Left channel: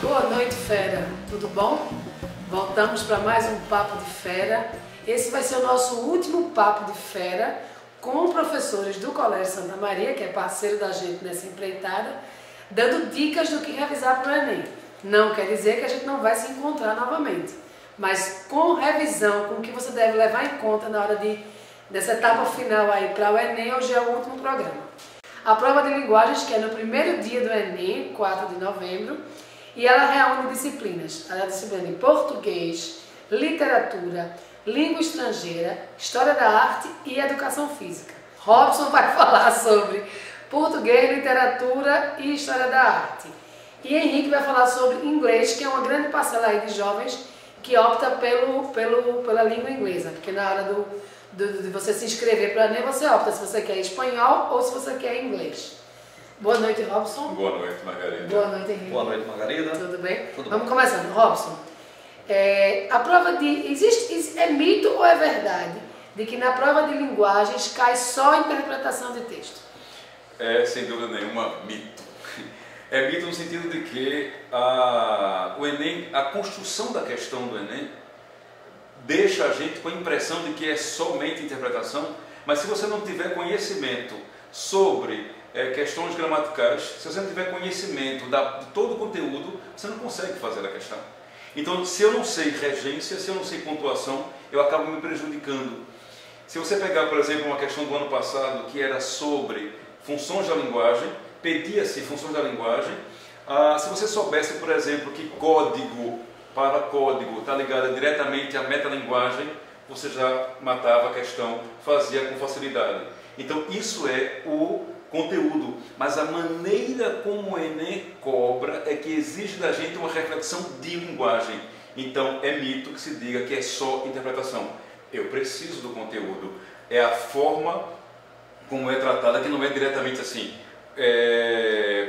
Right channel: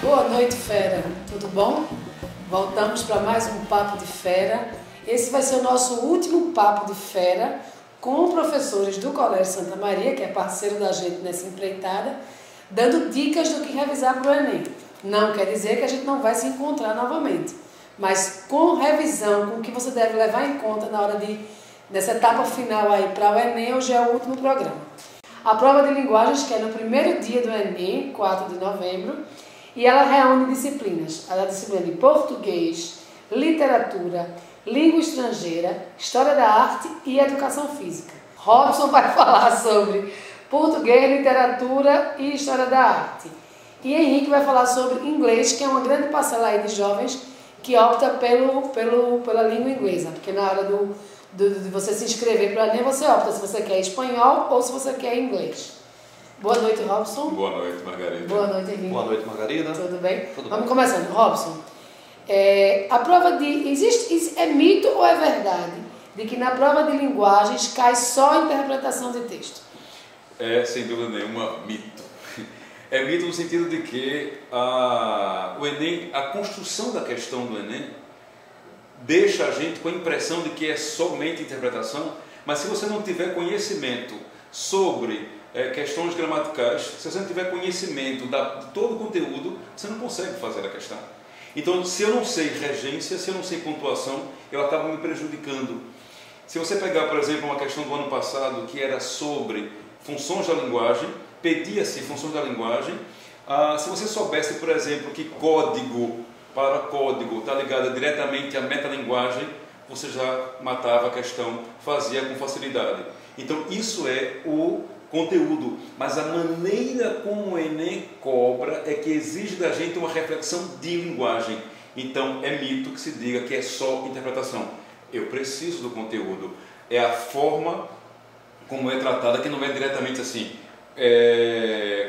Boa noite, fera. Tudo bom? Voltamos para mais um Papo de Fera. Esse vai ser o nosso último Papo de Fera com professores do Colégio Santa Maria, que é parceiro da gente nessa empreitada, dando dicas do que revisar para o Enem. Não quer dizer que a gente não vai se encontrar novamente, mas com revisão, com o que você deve levar em conta na hora dessa etapa final aí para o Enem. Hoje é o último programa. A prova de linguagens, que é no primeiro dia do Enem, 4 de novembro, e ela reúne disciplinas. A disciplina de português, literatura, língua estrangeira, história da arte e educação física. Robson vai falar sobre português, literatura e história da arte. E Henrique vai falar sobre inglês, que é uma grande parcela aí de jovens que opta pela língua inglesa, porque na hora de você se inscrever para o Enem, você opta se você quer espanhol ou se você quer inglês. Boa noite, Robson. Boa noite, Margarida. Boa noite, Henrique. Boa noite, Margarida. Tudo bem? Tudo Vamos bem. começando. Robson, a prova é mito ou é verdade de que na prova de linguagens cai só a interpretação de texto? É, sem dúvida nenhuma, mito. É mito no sentido de que o Enem, a construção da questão do Enem, deixa a gente com a impressão de que é somente interpretação, mas se você não tiver conhecimento sobre questões gramaticais, se você não tiver conhecimento de todo o conteúdo, você não consegue fazer a questão. Então, se eu não sei regência, se eu não sei pontuação, eu acabo me prejudicando. Se você pegar, por exemplo, uma questão do ano passado que era sobre funções da linguagem, pedia-se funções da linguagem, se você soubesse, por exemplo, que código para código está ligado diretamente à metalinguagem, você já matava a questão, fazia com facilidade. Então, isso é o conteúdo, mas a maneira como o Enem cobra é que exige da gente uma reflexão de linguagem. Então é mito que se diga que é só interpretação. Eu preciso do conteúdo, é a forma como é tratada, que não é diretamente assim,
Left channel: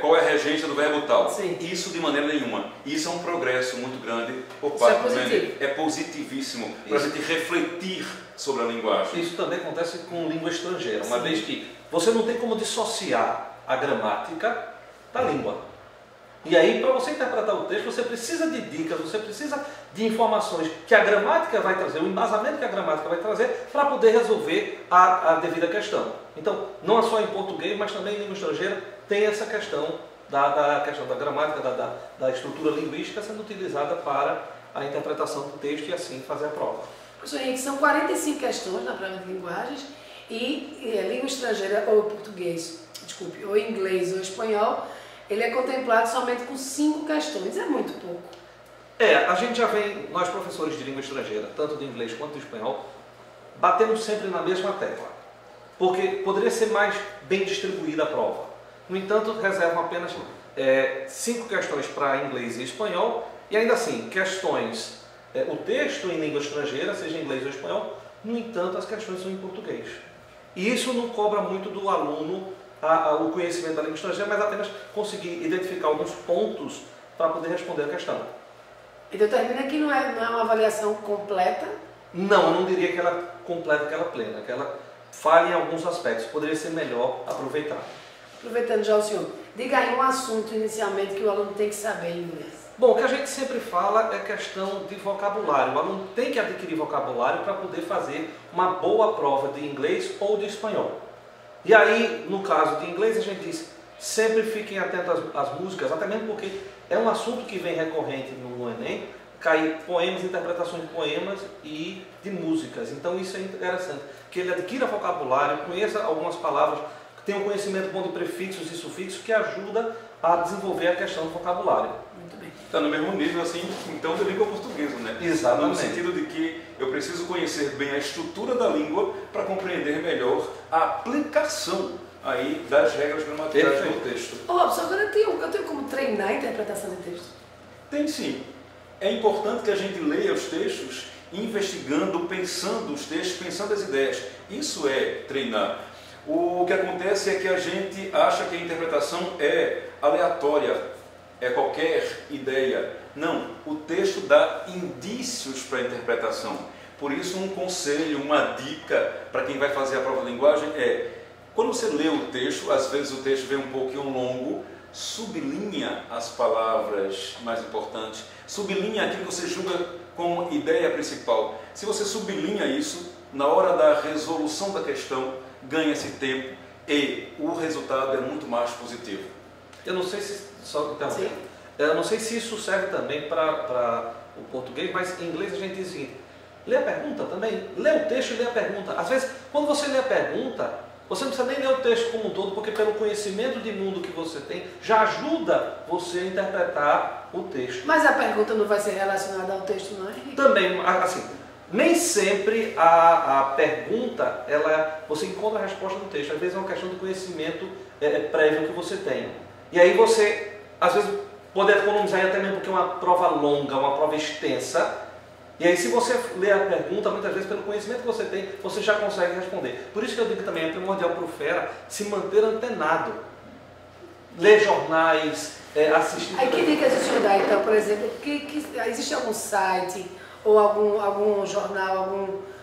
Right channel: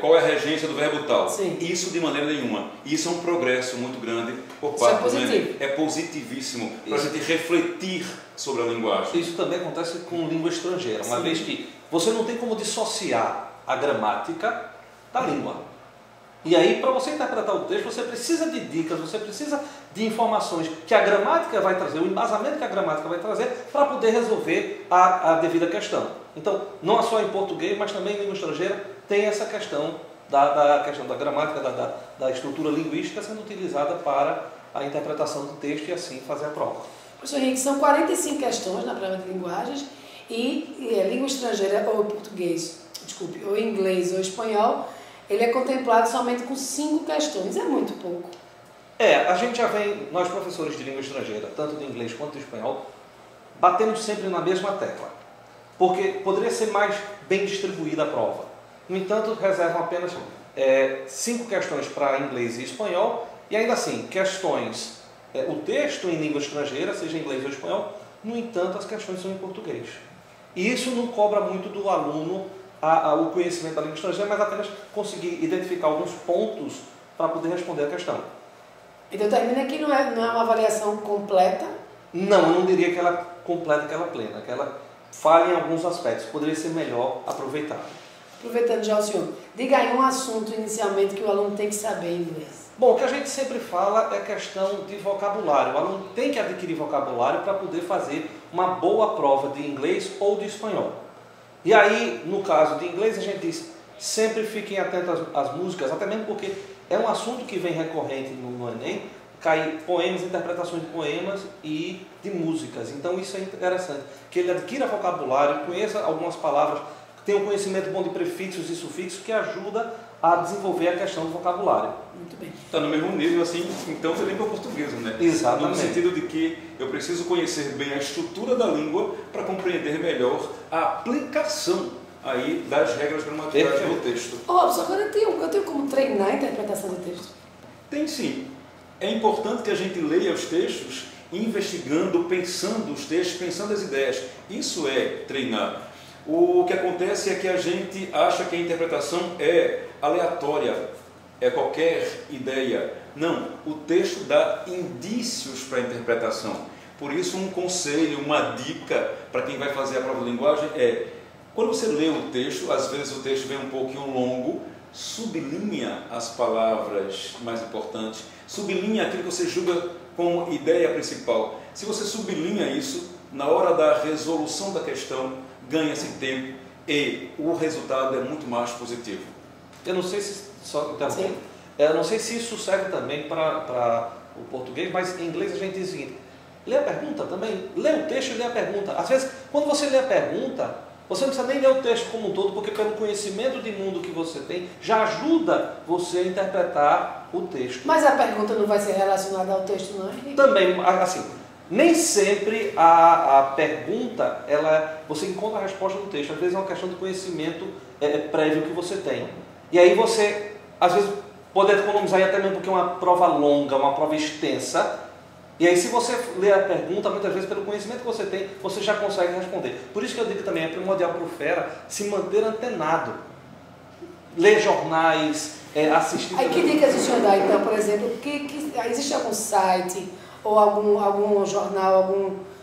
qual é a regência do verbo tal. Sim. Isso de maneira nenhuma. Isso é um progresso muito grande por parte do Enem. É positivíssimo para a gente refletir sobre a linguagem. Isso também acontece com língua estrangeira, uma Sim. vez que você não tem como dissociar a gramática da língua. E aí, para você interpretar o texto, você precisa de dicas, você precisa de informações que a gramática vai trazer, o embasamento que a gramática vai trazer, para poder resolver a devida questão. Então, não é só em português, mas também em língua estrangeira, tem essa questão da gramática, da estrutura linguística sendo utilizada para a interpretação do texto e assim fazer a prova. Professor Henrique, são 45 questões na prova de linguagens e língua estrangeira ou português, desculpe, ou inglês ou espanhol, ele é contemplado somente com 5 questões. É muito pouco. A gente já vem, nós professores de língua estrangeira, tanto de inglês quanto de espanhol, batendo sempre na mesma tecla, porque poderia ser mais bem distribuída a prova. No entanto, reservam apenas 5 questões para inglês e espanhol, e ainda assim, questões, o texto em língua estrangeira, seja em inglês ou espanhol, no entanto, as questões são em português. E isso não cobra muito do aluno o conhecimento da língua estrangeira, mas apenas conseguir identificar alguns pontos para poder responder a questão. Então termina que não é uma avaliação completa? Não, eu não diria que ela completa, que ela plena, que ela falha em alguns aspectos, poderia ser melhor aproveitada. Aproveitando já o senhor, diga aí um assunto inicialmente que o aluno tem que saber em inglês. Bom, o que a gente sempre fala é questão de vocabulário. O aluno tem que adquirir vocabulário para poder fazer uma boa prova de inglês ou de espanhol. E aí, no caso de inglês, a gente diz, sempre fiquem atentos às músicas, até mesmo porque é um assunto que vem recorrente no Enem, cair poemas, interpretações de poemas e de músicas. Então isso é interessante, que ele adquira vocabulário, conheça algumas palavras, tenha um conhecimento bom de prefixos e sufixos que ajuda a desenvolver a questão do vocabulário. Muito bem. Está no mesmo nível, assim, então da língua portuguesa, né? Exatamente. No sentido de que eu preciso conhecer bem a estrutura da língua para compreender melhor a aplicação aí das regras gramaticais do texto. Robson, agora eu tenho como treinar a interpretação de texto? Tem sim. É importante que a gente leia os textos investigando, pensando os textos, pensando as ideias. Isso é treinar. O que acontece é que a gente acha que a interpretação é aleatória, é qualquer ideia. Não, o texto dá indícios para a interpretação. Por isso, um conselho, uma dica para quem vai fazer a prova de linguagem é Quando você lê o texto, às vezes o texto vem um pouquinho longo, sublinha as palavras mais importantes, sublinha aquilo que você julga como ideia principal. Se você sublinha isso, na hora da resolução da questão, ganha-se tempo e o resultado é muito mais positivo. Eu não sei se eu não sei se isso serve também para o português, mas em inglês a gente diz o seguinte: lê a pergunta também, lê o texto e lê a pergunta. Às vezes, quando você lê a pergunta, você não precisa nem ler o texto como um todo, porque pelo conhecimento de mundo que você tem, já ajuda você a interpretar o texto. Mas a pergunta não vai ser relacionada ao texto, não é? Também, assim, nem sempre a pergunta, você encontra a resposta no texto. Às vezes é uma questão do conhecimento prévio que você tem. E aí você, às vezes, pode economizar até mesmo porque é uma prova longa, uma prova extensa. E aí, se você lê a pergunta, muitas vezes, pelo conhecimento que você tem, você já consegue responder. Por isso que eu digo também, é primordial para o Fera se manter antenado. Ler jornais, assistir... Aí que dicas o senhor dá, então, por exemplo? Existe algum site ou algum jornal,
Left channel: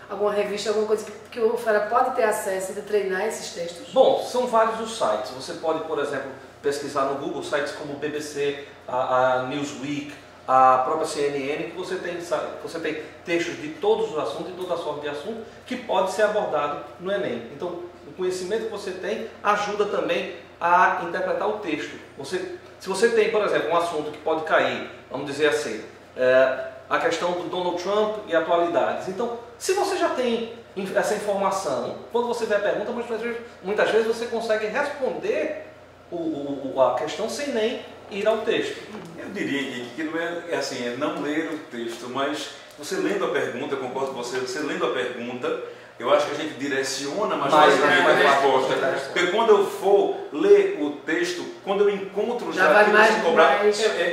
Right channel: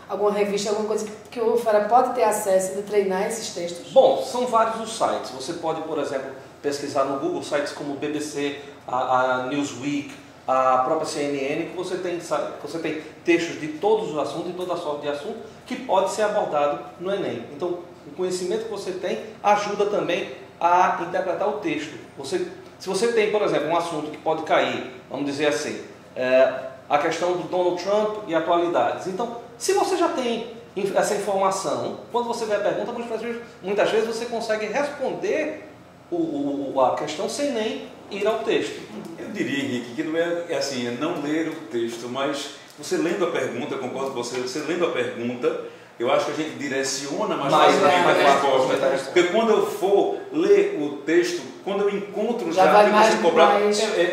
alguma revista, alguma coisa que o Fera pode ter acesso de treinar esses textos? Bom, são vários os sites. Você pode, por exemplo, pesquisar no Google sites como o BBC, a Newsweek, a própria CNN, que você tem textos de todos os assuntos, de toda sorte de assunto, que pode ser abordado no Enem. Então, o conhecimento que você tem ajuda também a interpretar o texto. Se você tem, por exemplo, um assunto que pode cair, vamos dizer assim, a questão do Donald Trump e atualidades. Então, se você já tem essa informação, quando você vê a pergunta, muitas vezes você consegue responder a questão sem nem ir ao texto. Eu diria, Henrique, que não é não ler o texto, mas você lendo a pergunta, eu concordo com você lendo a pergunta, eu acho que a gente direciona mais facilmente a resposta. Porque quando eu for ler o texo, quando eu encontro já aquilo que você cobrar,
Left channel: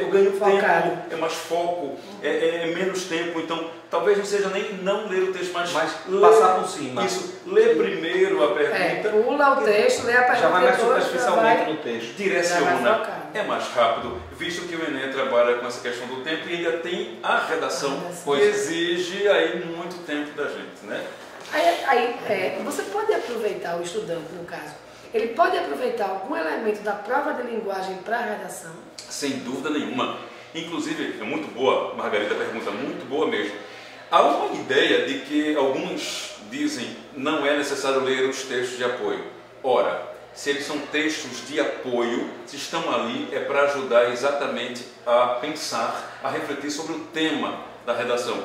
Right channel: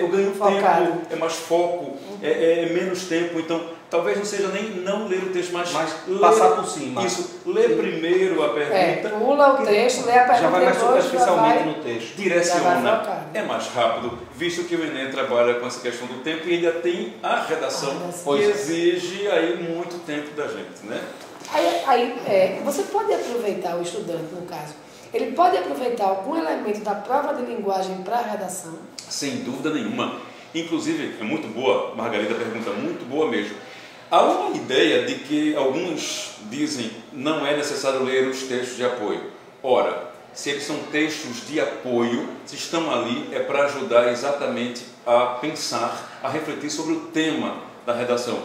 eu ganho tempo, é mais foco, é menos tempo. Então, talvez não seja nem não ler o texto, mas passar por cima. Isso, ler primeiro a pergunta. Pula o texto, lê a pergunta. Já vai mais superficialmente no texto. Direciona, é mais rápido, visto que o Enem trabalha com essa questão do tempo e ainda tem a redação, que exige aí muito tempo da gente, né? Você pode aproveitar, o estudante no caso, ele pode aproveitar algum elemento da prova de linguagem para a redação? Sem dúvida nenhuma. Inclusive, é muito boa, Margarida, pergunta muito boa mesmo. Há uma ideia de que alguns dizem não é necessário ler os textos de apoio. Ora, se eles são textos de apoio, se estão ali, é para ajudar exatamente a pensar, a refletir sobre o tema da redação.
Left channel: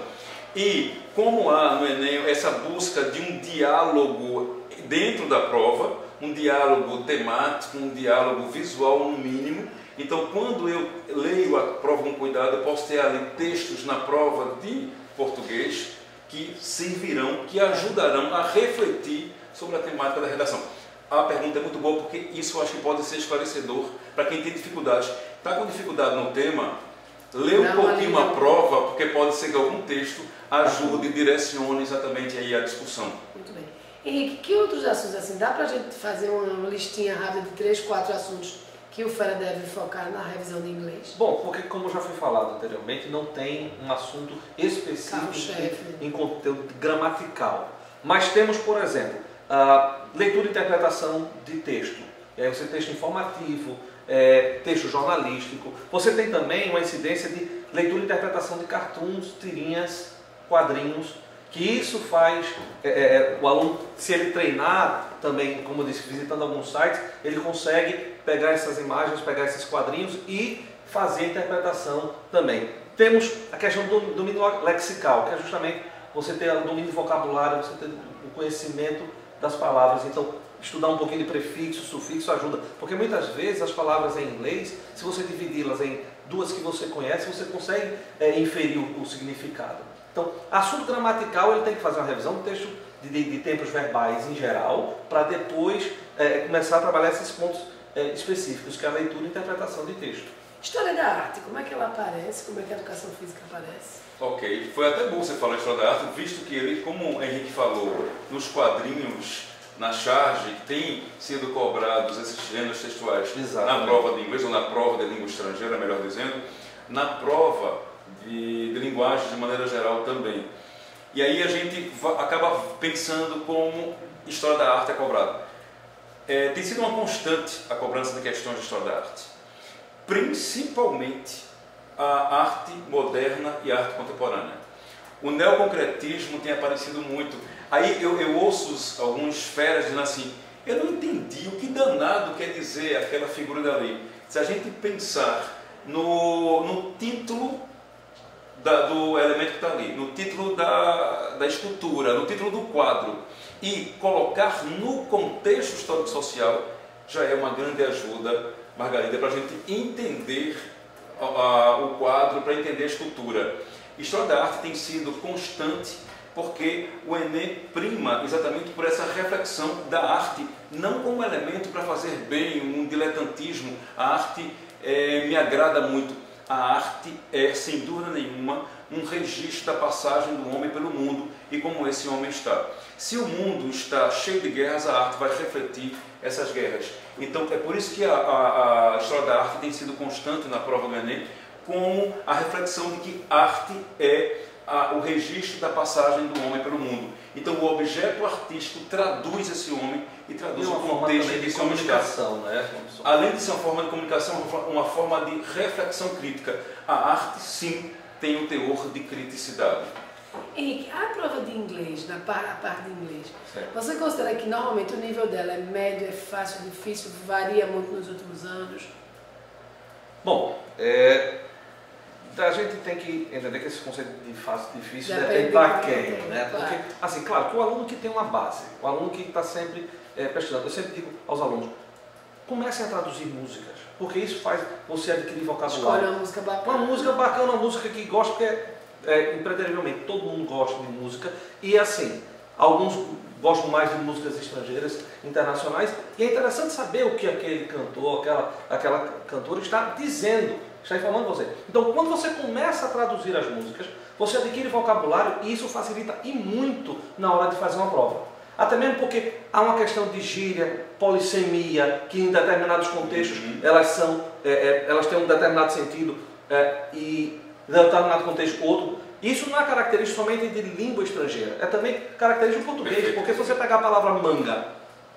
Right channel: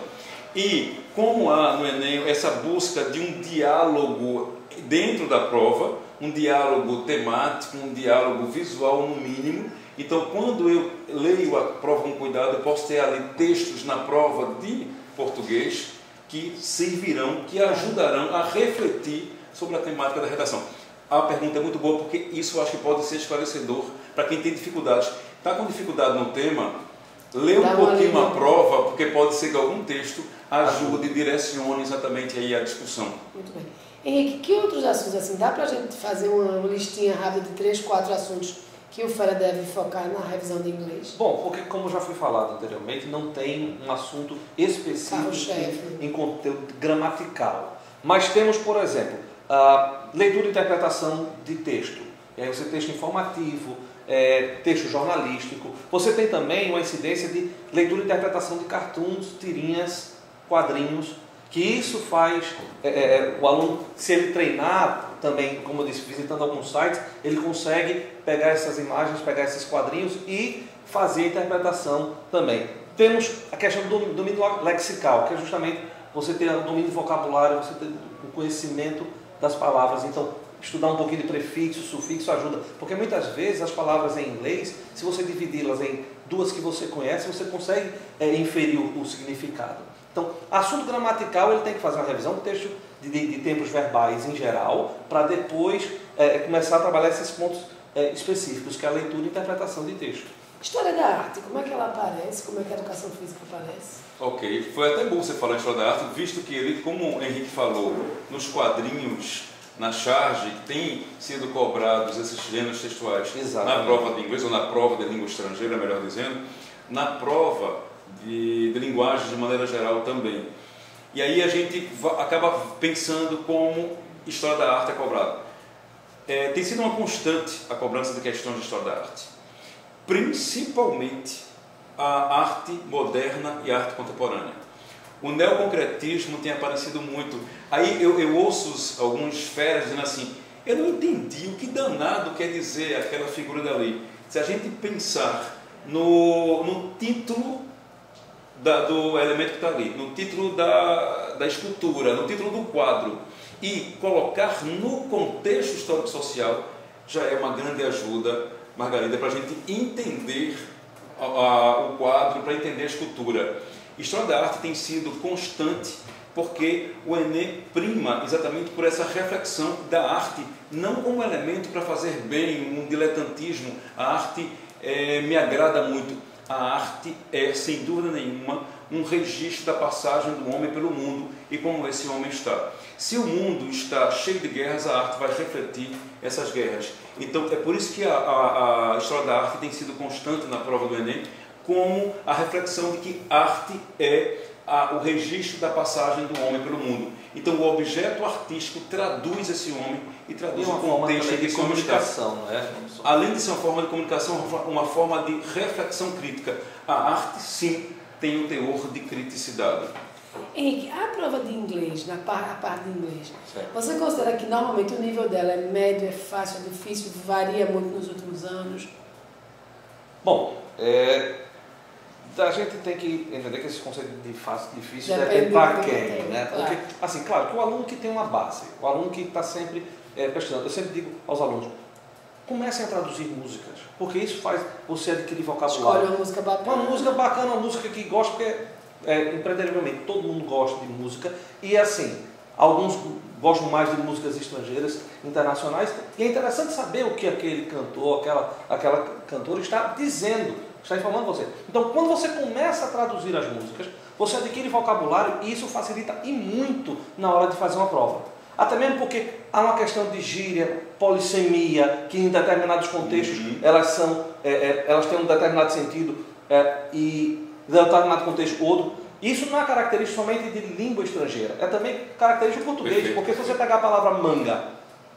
E como há no Enem essa busca de um diálogo dentro da prova, um diálogo temático, um diálogo visual no mínimo, então quando eu leio a prova com cuidado, eu posso ter ali textos na prova de português que servirão, que ajudarão a refletir sobre a temática da redação. A pergunta é muito boa porque isso eu acho que pode ser esclarecedor para quem tem dificuldades. Está com dificuldade no tema? Lê um pouquinho a prova, porque pode ser que algum texto ajude e direcione exatamente aí a discussão. Muito bem. Henrique, que outros assuntos, assim, dá para a gente fazer uma listinha rápida de 3, 4 assuntos que o Fera deve focar na revisão de inglês? Bom, porque como já foi falado anteriormente, não tem um assunto específico em conteúdo gramatical. Mas temos, por exemplo, leitura e interpretação de texto. Você tem texto informativo, texto jornalístico. Você tem também uma incidência de leitura e interpretação de cartoons, tirinhas, quadrinhos, que isso faz o aluno, se ele treinar também, como eu disse, visitando alguns sites, ele consegue pegar essas imagens, pegar esses quadrinhos e fazer a interpretação também. Temos a questão do domínio lexical, que é justamente você ter o domínio do vocabulário, você ter o conhecimento das palavras. Então, estudar um pouquinho de prefixo, sufixo ajuda, porque muitas vezes as palavras em inglês, se você dividi-las em duas que você conhece, você consegue inferir o significado. Então, assunto gramatical, ele tem que fazer uma revisão do texto de tempos verbais em geral, para depois começar a trabalhar esses pontos específicos, que é a leitura e interpretação de texto. História da arte, como é que ela aparece? Como é que a educação física aparece? Ok, foi até bom você falar em história da arte, visto que ele, como o Henrique falou, nos quadrinhos, na charge, tem sido cobrados esses gêneros textuais. Exatamente. Na prova de inglês, ou na prova de língua estrangeira, melhor dizendo, na prova de linguagem de maneira geral também. E aí a gente acaba pensando como história da arte é cobrada. tem sido uma constante a cobrança de questões de história da arte, principalmente a arte moderna e a arte contemporânea. O neoconcretismo tem aparecido muito. Aí eu ouço alguns feras dizendo assim, eu não entendi o que danado quer dizer aquela figura dali. Se a gente pensar no título do elemento que está ali, no título da escultura, no título do quadro, e colocar no contexto histórico-social, já é uma grande ajuda, Margarida, para a gente entender o quadro, para entender a escultura. História da arte tem sido constante porque o Enem prima exatamente por essa reflexão da arte, não como elemento para fazer bem, um diletantismo. A arte me agrada muito. A arte é, sem dúvida nenhuma, um registro da passagem do homem pelo mundo e como esse homem está. Se o mundo está cheio de guerras, a arte vai refletir essas guerras. Então, é por isso que a história da arte tem sido constante na prova do Enem, como a reflexão de que arte é o registro da passagem do homem pelo mundo. Então, o objeto artístico traduz esse homem e traduz o contexto em que esse homem está. Além de ser uma forma de comunicação, uma forma de reflexão crítica. A arte, sim, tem o teor de criticidade. Henrique, a prova de inglês, a parte de inglês, você considera que normalmente o nível dela é médio, é fácil, é difícil, varia muito nos últimos anos? Bom, a gente tem que entender que esse conceito de fácil e difícil depende para quem, né? Porque, assim, claro, que o aluno que tem uma base, o aluno que está sempre pesquisando, eu sempre digo aos alunos, comecem a traduzir músicas, porque isso faz você adquirir vocabulário. Escolhe uma música bacana. Uma música bacana, uma música que gosta, porque impreterivelmente todo mundo gosta de música, e assim, alguns gostam mais de músicas estrangeiras, internacionais, e é interessante saber o que aquele cantor, aquela cantora está dizendo, está informando você. Então, quando você começa a traduzir as músicas, você adquire vocabulário e isso facilita e muito na hora de fazer uma prova. Até mesmo porque há uma questão de gíria, polissemia, que em determinados contextos elas têm um determinado sentido e em determinado contexto outro. Isso não é característico somente de língua estrangeira, é também característico do português. Perfeito. Porque se você pegar a palavra manga,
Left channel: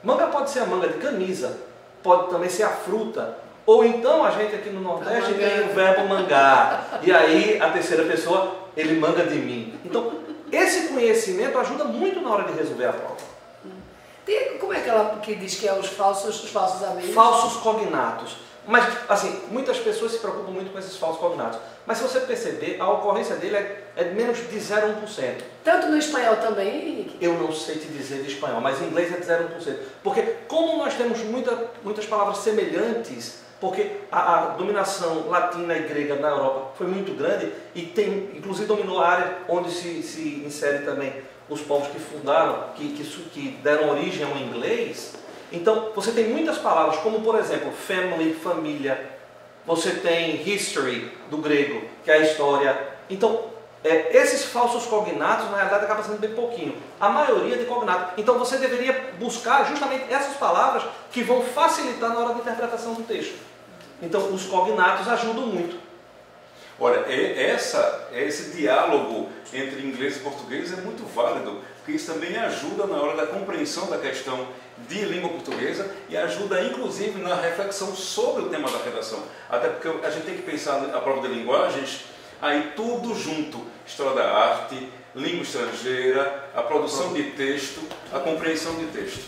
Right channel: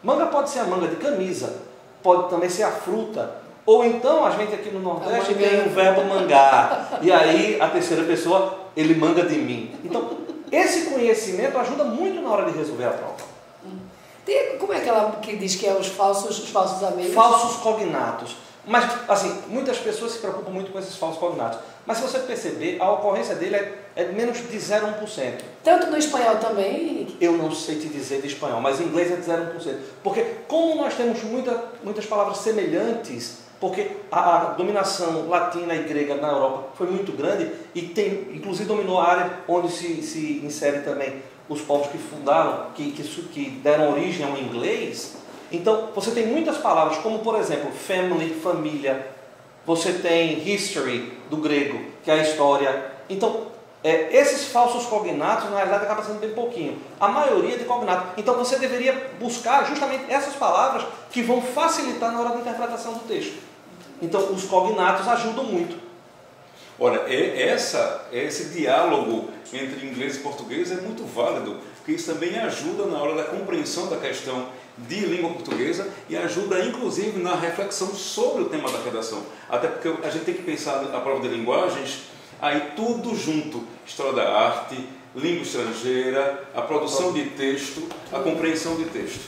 manga pode ser a manga de camisa, pode também ser a fruta, ou então a gente aqui no Nordeste tem o verbo mangar, e aí a terceira pessoa, ele manga de mim. Então, esse conhecimento ajuda muito na hora de resolver a prova. Como é que ela que diz que é os falsos amigos? Falsos cognatos. Mas, assim, muitas pessoas se preocupam muito com esses falsos cognatos. Mas se você perceber, a ocorrência dele é menos de 0,1%. Tanto no espanhol também, Henrique? Eu não sei te dizer de espanhol, mas em inglês é de 0,1%. Porque como nós temos muitas palavras semelhantes, porque a dominação latina e grega na Europa foi muito grande e inclusive dominou a área onde se insere também os povos que fundaram, que deram origem ao inglês. Então, você tem muitas palavras, como por exemplo, family, família. Você tem history, do grego, que é a história. Então, esses falsos cognatos, na realidade, acabam sendo bem pouquinho. A maioria de cognatos. Então, você deveria buscar justamente essas palavras que vão facilitar na hora da interpretação do texto. Então, os cognatos ajudam muito. Olha, esse diálogo entre inglês e português é muito válido, porque isso também ajuda na hora da compreensão da questão de língua portuguesa e ajuda inclusive na reflexão sobre o tema da redação. Até porque a gente tem que pensar a prova de linguagens, aí tudo junto, história da arte, língua estrangeira, a produção de texto, a compreensão de texto.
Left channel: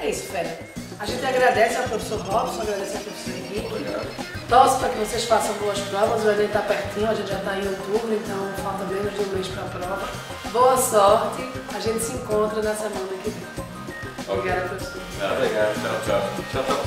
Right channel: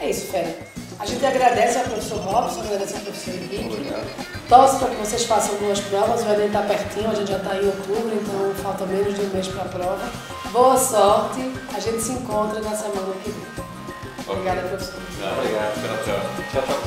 É isso, Fé. A gente agradece ao professor Robson, agradece ao professor Henrique. Torce para que vocês façam duas provas, o Enem está pertinho, a gente já está em outubro, então falta menos de um mês para a prova. Boa sorte, a gente se encontra na semana que vem. Obrigada, professor. Obrigado, tchau.